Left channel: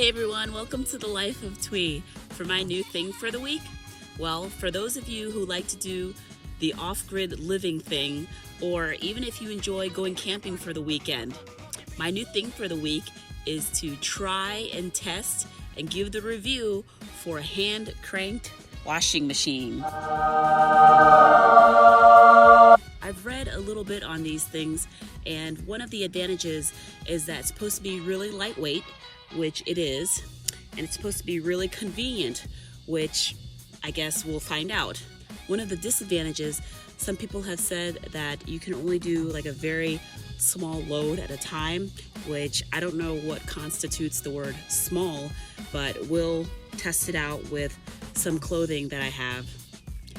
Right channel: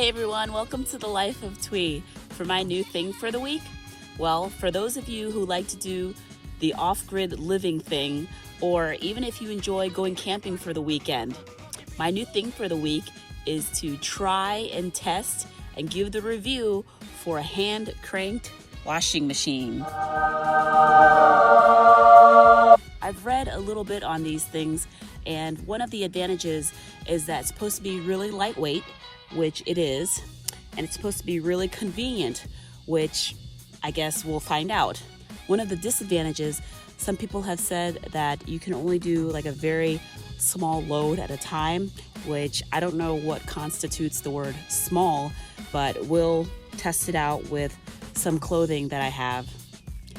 Hey everyone, welcome to the Life of Thuy. For my new thing for the week, well, for those of you who like to do the off-grid living thing, or even if you enjoy going camping for the weekend, my new thing for the week is to try and test and give the review for a hand crank washing machine. I've read a little bit on these things, and one of the advantages is that it's supposed to be really lightweight, which it is, and it's supposed to be really convenient, which I guess we'll find out. One of the disadvantages, some people have said that you can only do like a very small load at a time, which I don't know what constitutes the word small, but we'll test it out with some clothing that I have.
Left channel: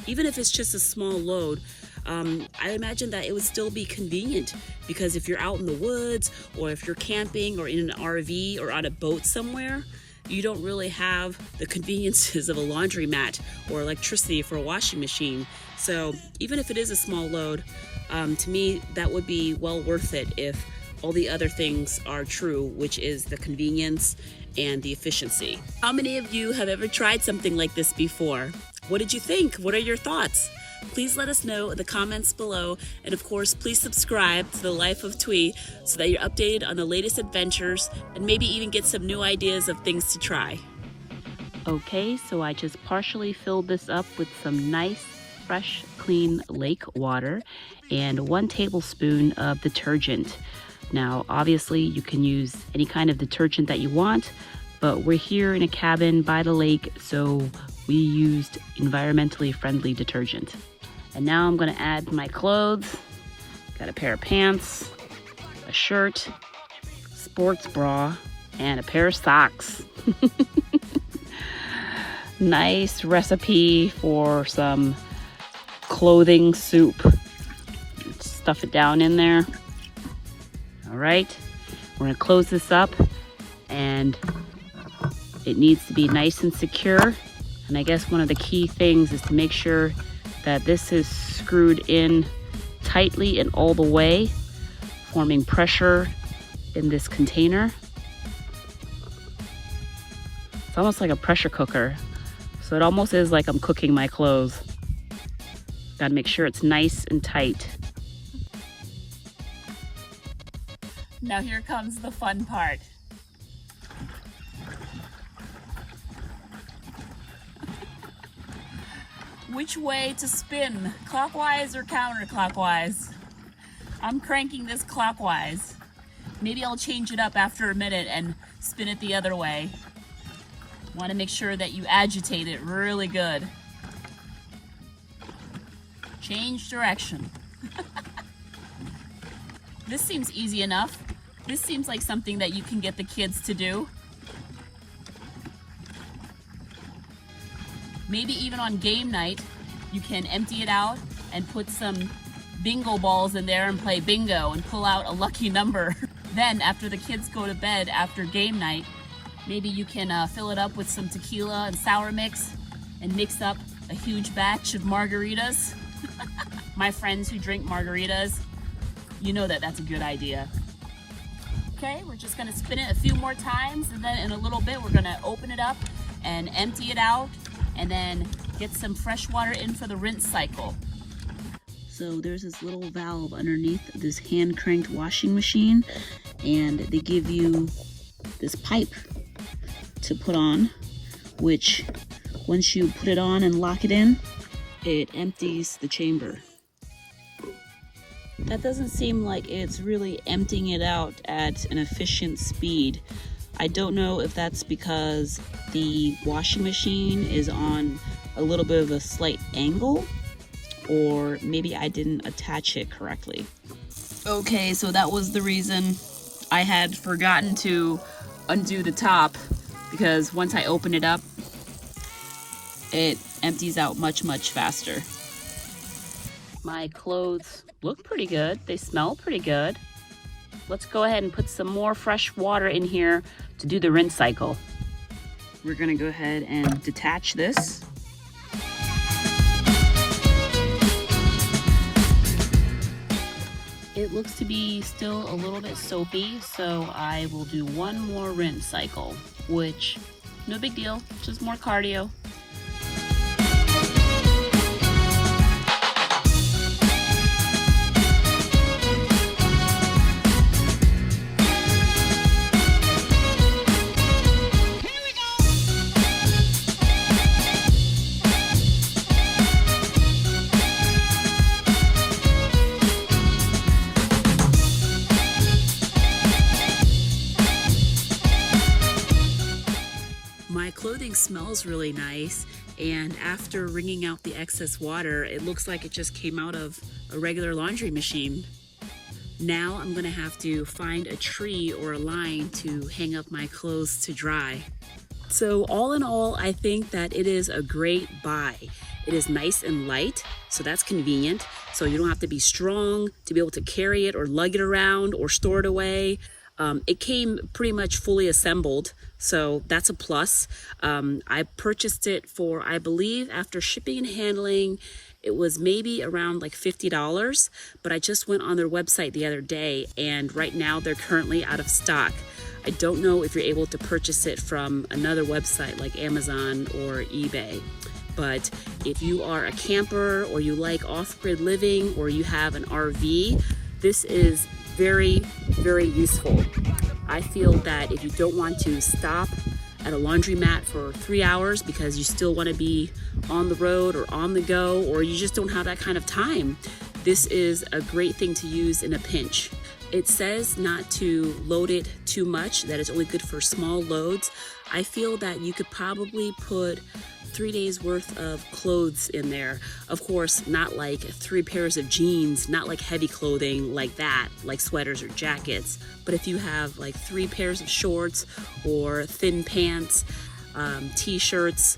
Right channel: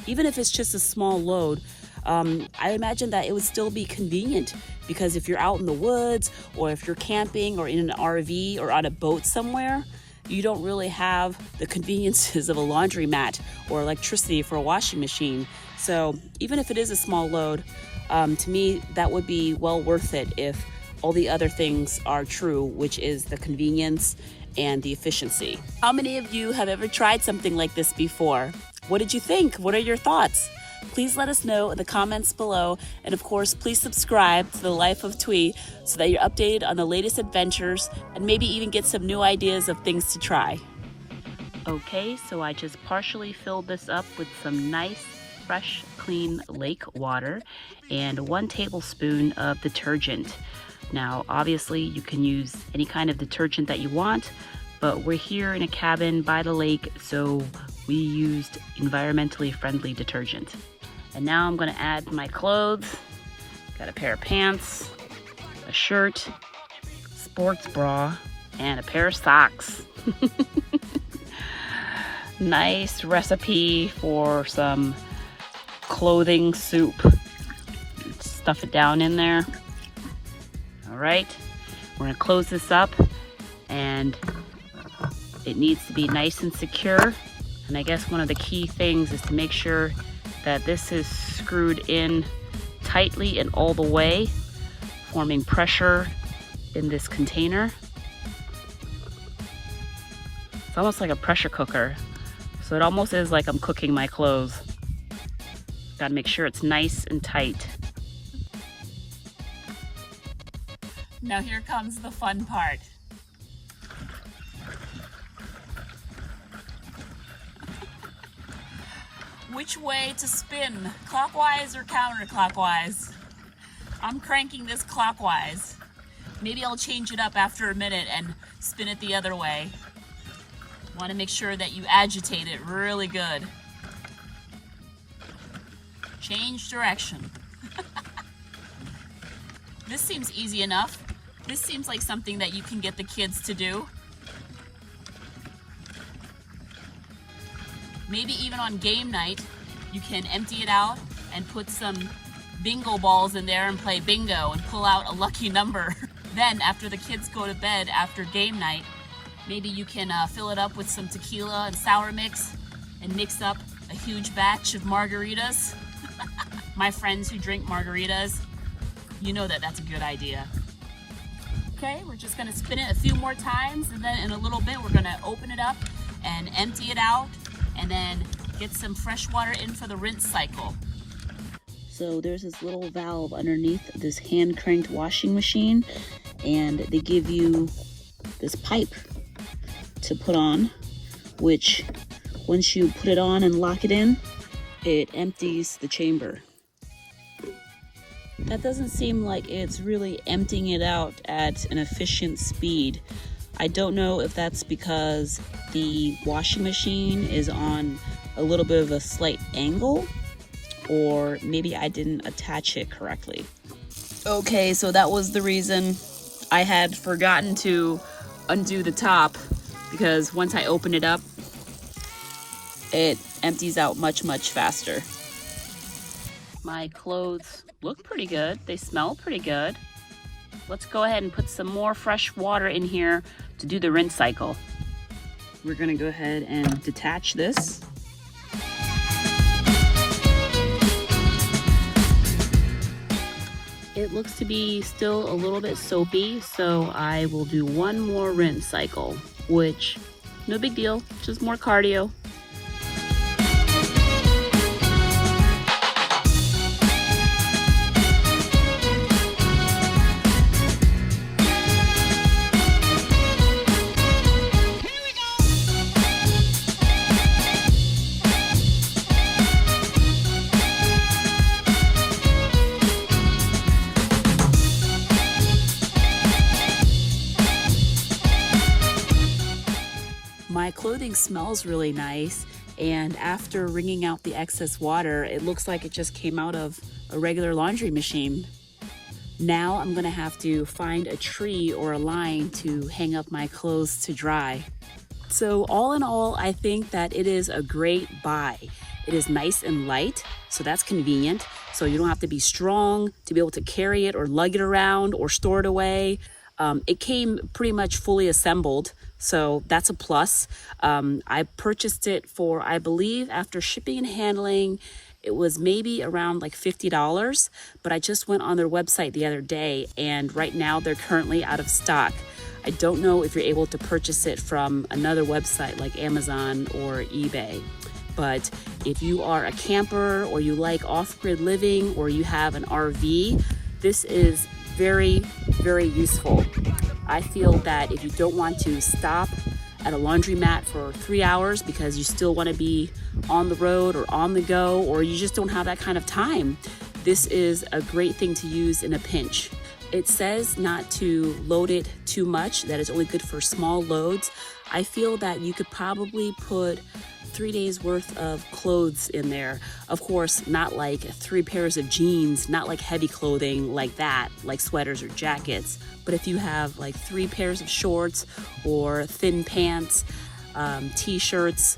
Even if it's just a small load, I imagine that it would still be convenient, because if you're out in the woods or if you're camping or in an RV or on a boat somewhere, you don't really have the conveniences of a laundromat or electricity for a washing machine. So even if it is a small load, to me, that would be well worth it if all the other things are true, which is the convenience and the efficiency. How many of you have ever tried something like this before? What did you think? What are your thoughts? Please let us know in the comments below, and of course, please subscribe to the Life of Thuy so that you're updated on the latest adventures and maybe even get some new ideas of things to try. Okay, so I just partially filled this up with some nice, fresh, clean lake water and 1 tablespoon of detergent. Now, obviously, you can use any kind of detergent that you want, but we're here in a cabin by the lake, so we used environmentally friendly detergent. And now I'm gonna add my clothes. Got a pair of pants, a shirt, sports bra, and a pair of socks. Nice recipe for some clothing soup. Stuff it down in there. All right, we're gonna close this up, and it needs to be nice and secure. And I guess one of the key things is to make sure that this is screwed in tightly and all the way, forming pressure in this container. It's almost like a pressure cooker. So it almost is like I'm cooking my clothes. Gotta make sure it's nice and tight. Now here comes the fun part. Which way to spin, clockwise or counterclockwise? I'm cranking this clockwise. Maybe I'll change it up after a minute and spin it the other way. Want to make sure that you agitate it really good. Change direction. This seems easy enough. This seems like something that you can get the kids to do. Maybe even on game night, you can empty it out and put some bingo balls in there and play bingo and pull out a lucky number. Then after the kids go to bed after game night, maybe you can fill it up with some tequila and sour mix and mix up a huge batch of margaritas. My friends who drink margaritas, you know that that's a good idea. Okay, we're just gonna spin it a few more times, and then in a little bit we're gonna open it up and empty it out, and then get some fresh water in for the rinse cycle. So there's this little valve underneath this hand cranked washing machine, and they give you this pipe to put on, which once you put it on and lock it in, it empties the chamber. That doesn't seem like it's really emptying it out at an efficient speed. I don't know if that's because the washing machine is on a little bit of a slight angle, or maybe I didn't attach it correctly. Okay, so that was the reason I had forgotten to undo the top, because once I open it up, it empties out much, much faster. My clothes look pretty good. They smell pretty good. Let's go ahead and put some more fresh water in here to do the rinse cycle. We're gonna go ahead and detach this. It looks to be still a little bit soapy, so I will do one more rinse cycle, which, no big deal, just more cardio. My clothing smells really nice, and after wringing out the excess water, it looks like it just came out of a regular laundry machine. Now I'm gonna have to find a tree or a line to hang up my clothes to dry. So all in all, I think that it is a great buy. It is nice and light, so that's convenient. So you don't have to be strong to be able to carry it or lug it around or store it away. It came pretty much fully assembled, so that's a plus. I purchased it for, I believe, after shipping and handling, it was maybe around like $50, but I just went on their website the other day, and right now they're currently out of stock. I don't know if you're able to purchase it from another website like Amazon or eBay. But if you are a camper or you like off-grid living or you have an RV, this is very, very useful. I feel that if you don't want to stop at a laundromat for 3 hours because you still want to be on the road or on the go, or you just don't have that kind of time, this is a great thing to use in a pinch. It says not to load it too much, that it's only good for small loads. I feel that you could probably put 3 days worth of clothes in there. Of course, not like 3 pairs of jeans, not like heavy clothing like that, like sweaters or jackets. But if you have like 3 pairs of shorts or thin pants, t-shirts,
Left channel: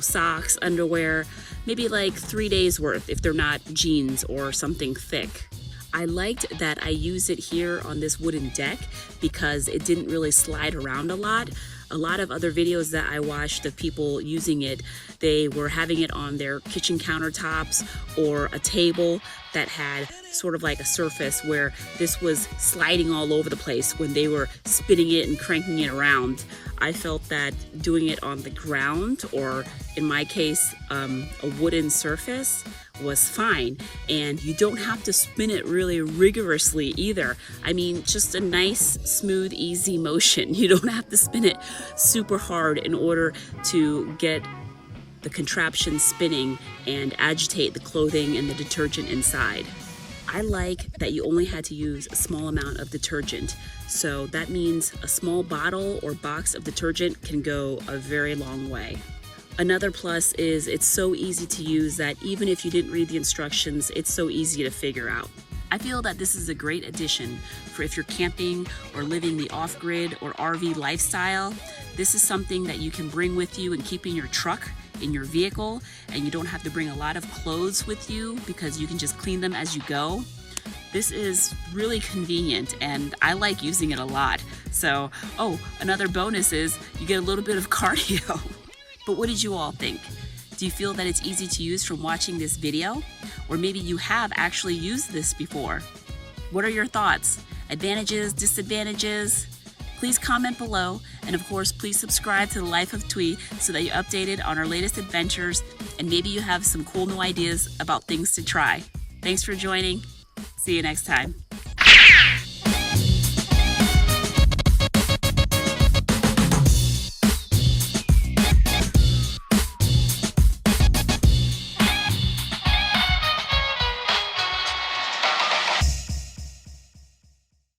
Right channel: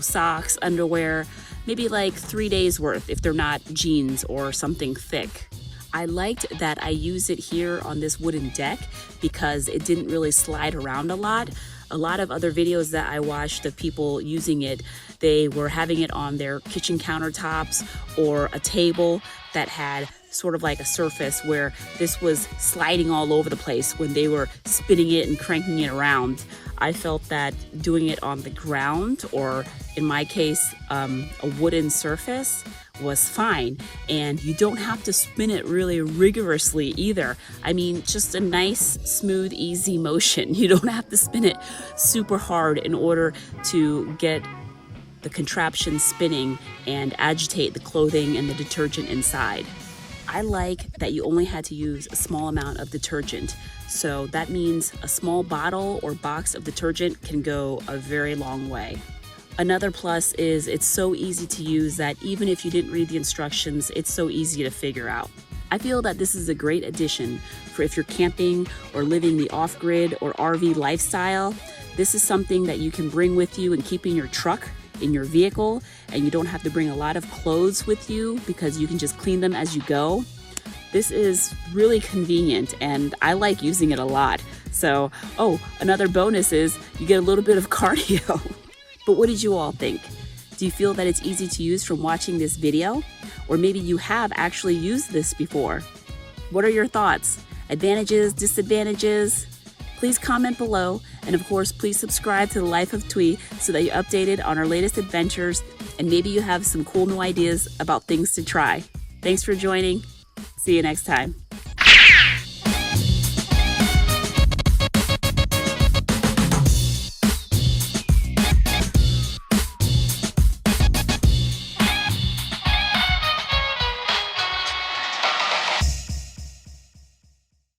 socks, underwear, maybe like 3 days worth if they're not jeans or something thick. I liked that I used it here on this wooden deck because it didn't really slide around a lot. A lot of other videos that I watched of people using it, they were having it on their kitchen countertops or a table that had sort of like a surface where this was sliding all over the place when they were spinning it and cranking it around. I felt that doing it on the ground, or in my case, a wooden surface, was fine. And you don't have to spin it really rigorously either. I mean, just a nice, smooth, easy motion. You don't have to spin it super hard in order to get the contraption spinning and agitate the clothing and the detergent inside. I like that you only had to use a small amount of detergent. So that means a small bottle or box of detergent can go a very long way. Another plus is it's so easy to use that even if you didn't read the instructions, it's so easy to figure out. I feel that this is a great addition for if you're camping or living the off-grid or RV lifestyle. This is something that you can bring with you and keep in your truck, in your vehicle, and you don't have to bring a lot of clothes with you because you can just clean them as you go. This is really convenient and I like using it a lot. So, another bonus is you get a little bit of cardio. But what did you all think? Do you feel that it's easy to use from watching this video? Or maybe you have actually used this before. What are your thoughts? Advantages, disadvantages? Please comment below. And of course, please subscribe to The Life of Thuy so that you're updated on our latest adventures and maybe you have some cool new ideas about things to try. Thanks for joining. See you next time.